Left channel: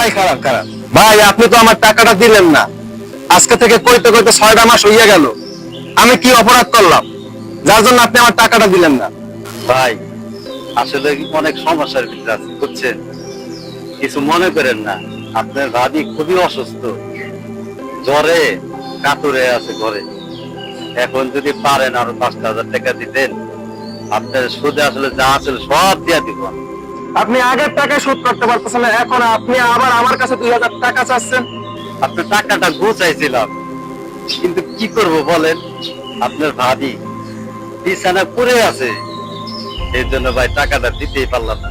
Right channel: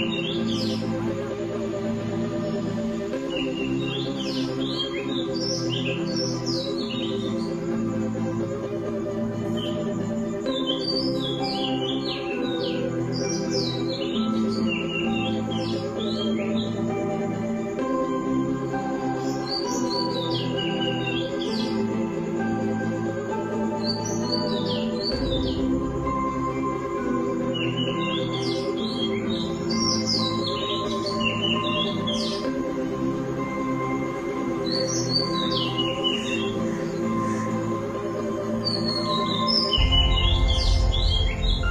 ভাই খারাপ খারাপ ভাই, আপনি তো আমার টাকাটা দিলেন না। আজকে থেকে কইতে কইতে 6টা মাস হইয়া গেল। আমি কি অপরাধ করলাম যার জন্য আপনি আমার টাকাটা দিলেন না? ভাই আসলে অনেক সমস্যার ভিতরে আছে বুঝছেন, কিছু মনে করেন না। আপনার ভাবি খুবই অসুস্থ, জ্বরে কাতরে আছে ঘরে। এখন যদি পারেন আরো 5,000 টাকা দিতেন, আপনার সুদে আসলে যা আছে সব দিয়া দিব। আপনি আগের টাকা শোধ করতে পারতেছেন না, এখন আপনি আবার আমার কাছে 2,000 টাকা চাচ্ছেন। আপনার টাকাটা গুছাইছিলাম, কিন্তু কি করব বলেন, আপনার ভাবি বিছানা পড়ে আছে, এই জন্য ভাই টাকাটা দিতেই পারলাম না।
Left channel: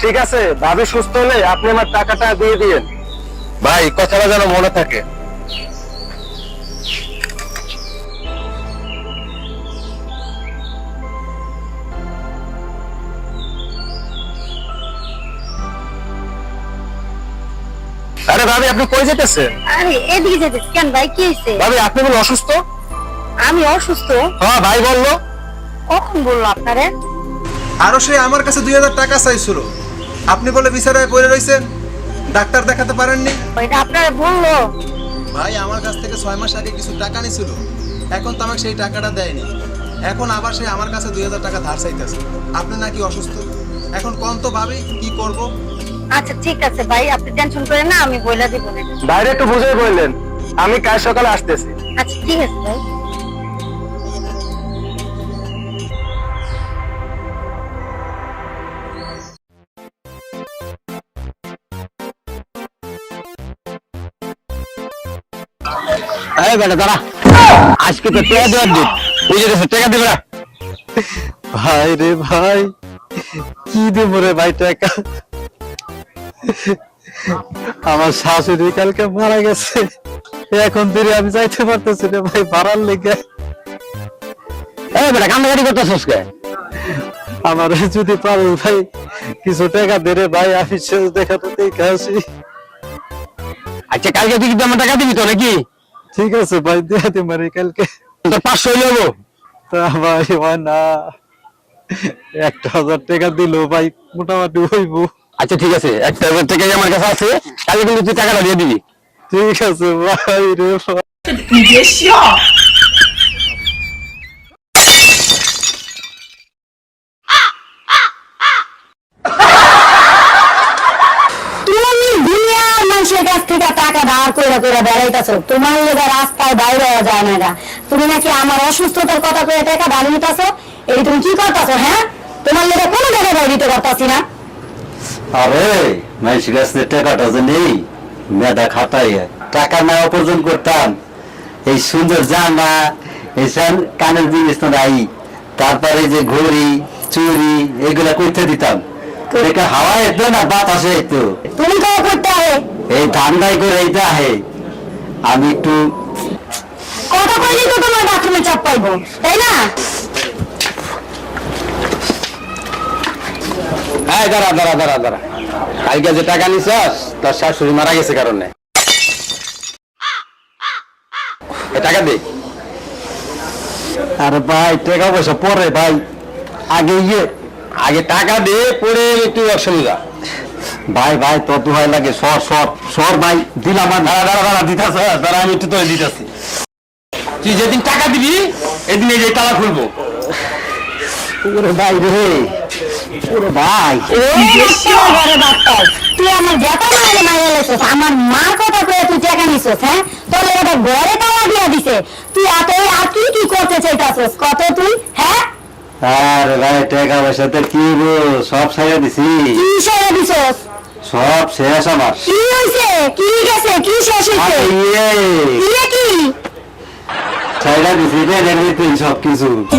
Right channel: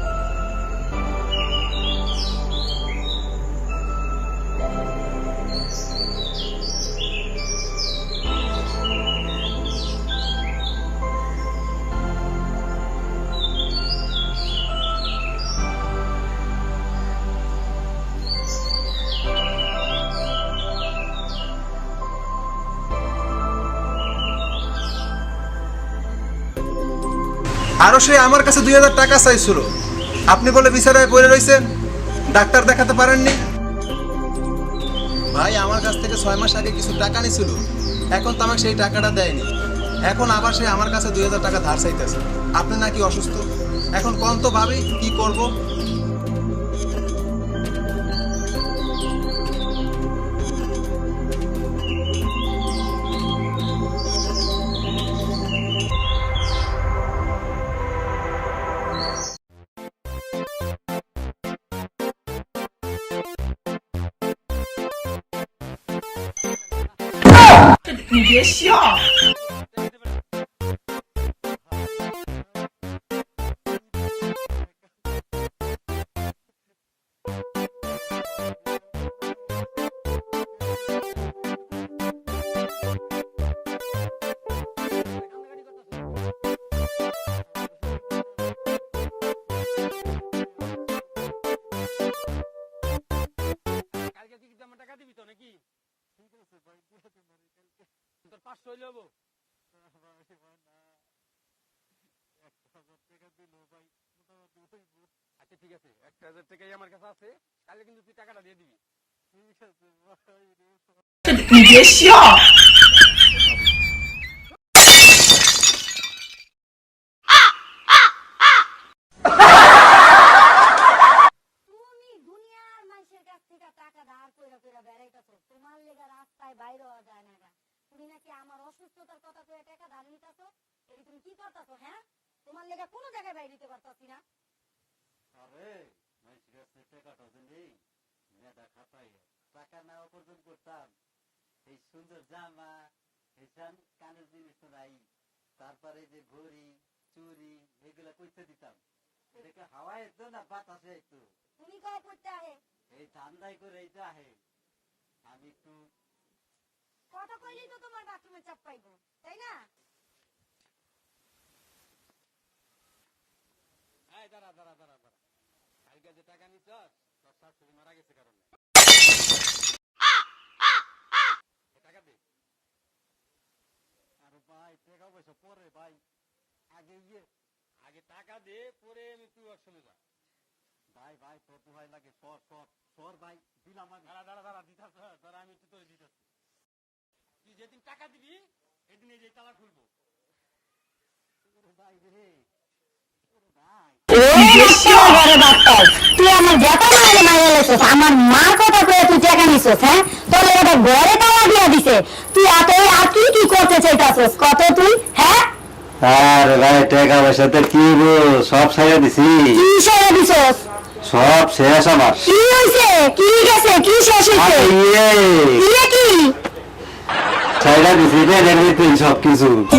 ঠিক আছে, ভাবি সুস্থ হলে আপনি আমার টাকাটা দিয়ে দিয়েন ভাই, কথাটা যেন মনে থাকে। আরে ভাবি, আপনি কই যেতেছেন? আরে এদিকে যেতেছি কেন ভাই, কি হয়েছে? ভাবি, আপনি বলে অসুস্থ? আমি অসুস্থ? হ্যাঁ ভাই বললো। কখন বললো আপনারে? আরো সে আমার কাছে 2,000 টাকা চাইছিল, আপনি বলে বিছানায় পড়ে রইছেন, ডাক্তার দেখাতে পারেননি। ওইটা আপনারে বললো? ভাই আমার কাছ থেকে 6 মাস আগে কিছু টাকা নিছিল, এখন তো আমাকে সেই টাকাটা দেয়নি। এখন আবার সে আমার কাছে 2,000 টাকা ধার চাইতেছে। আপনি নাকি অসুস্থ, এখন কোন তো ভাবি কি করব? আচ্ছা ঠিক আছে ভাই, আপনি টেনশন করেন না, আমি বইলা দিব। বাইরে একটু বুঝে বললেন, আমি কাল সকালে আসতেছি। আচ্ছা ঠিক আছে ভাই। এই বেটা দাঁড়া, আজকে তো টাকা দেওয়ার দিন, বুঝে গেছে, টাকা দিবে না। ভাই রে ভাই, কি দেবো রে ভাই টাকা? আমার শাশুড়ি কালকে মারা গেছে, এখন ধরে আমি যাইতে পারতেছি না ভাই ভাড়ার লেগে। এই বেটা কান্নাকাটি করতেছিস কে? আমার যদি পারো ভাই কিছু টাকা দে রে ভাই, আমি শেষ দেখাতে দেখে আসি। আচ্ছা কালকে তুই কিন্তু আমার টাকা দিবি তো নাকি? ঠিক আছে ভাই, দিয়ে দিমারে কালকে। তোর 500 হইলো তা ভাই হয় না, 1,000 টাকা দিল ভাই মোটামুটি হইব। আচ্ছা ঠিক আছে, 1,000 টাকাই আমার কাছে আছে, কালকে কিন্তু তুই টাকাটা দিয়ে দিবি। ঠিক আছে ভাই রে ভাই। 你别笑。 তুমি দুনিয়ার মানুষের কাছ থেকে টাকা ধার করে করে বেড়াইতেছো, তোমার লেগে রাস্তায় বাইরে হওয়া যায় না গা। তুমি নাকি আমার অসুস্থতার কথা করে টাকা ধার নিতেছো, এই তুমি কি করতেছো? হ্যাঁ, তোমার লেগে কোনো টাকা ধার দিতে পারতাছি না। আরে মানুষের কাছে টাকাটা যে নেই, মেধা খাটাই টাকা না উপার্জন করতাম, এই সুন্দর জামা, এই কানের জিনিস তো নাই, তারপরে যে ঘড়ি চুরি এগুলা করতে দিতাম। টাকা হাওয়া এতো না বাতাসে এতো, তুমি কবে করতে হবে? এই ধান্দাই করে এইটা আহে। আমি একটু কথা কইলেই তো তোমার বাথরুমে চাপ পাইবো, তাই না? এই দাঁড়া দাঁড়া দাঁড়া দাঁড়া, কালকে যে টাকা নিছস তোর শাশুড়ি মারা গেছে কারণে, এই টাকা দে। আরে ভাই টাকা পয়সা পরে ভাই, আগে টাকা দে, পরে একটু অসুবিধা। ভাই ভাই তোর দোহাই লাগে, সর সর সর ভাই, দিলাম। আর দাঁড়া দাঁড়া দাঁড়া, দিতেছ দাঁড়া, আমি একটু তোরে দিতেছি। তুই যেদিন টাকা দিবি এদিন এই যে তালা খুলবো। ওরে ভাই রে, ওরে ভাই তুই আমার বেটা মাইলে মাইলে লেছিস, আমার মার কথা কয়ে তুই টাকা নিছিস। হ্যাঁ, তোর এটা ঘরে তালা দিয়া দিছে, তুই এত আর কি কি করতে চাইতাছিস কত তুই? হ্যাঁ, আরে ভাই টাকা পয়সা তো কি গো, সব ছাইয়া দিছি, কি সেরে দিছিস? সব শেষ আমার। কি হইছে? কি গেছে? কি শেষ হইছে? ইয়ে কি? ছাইয়া দিছি রে, সব কিছু। কি?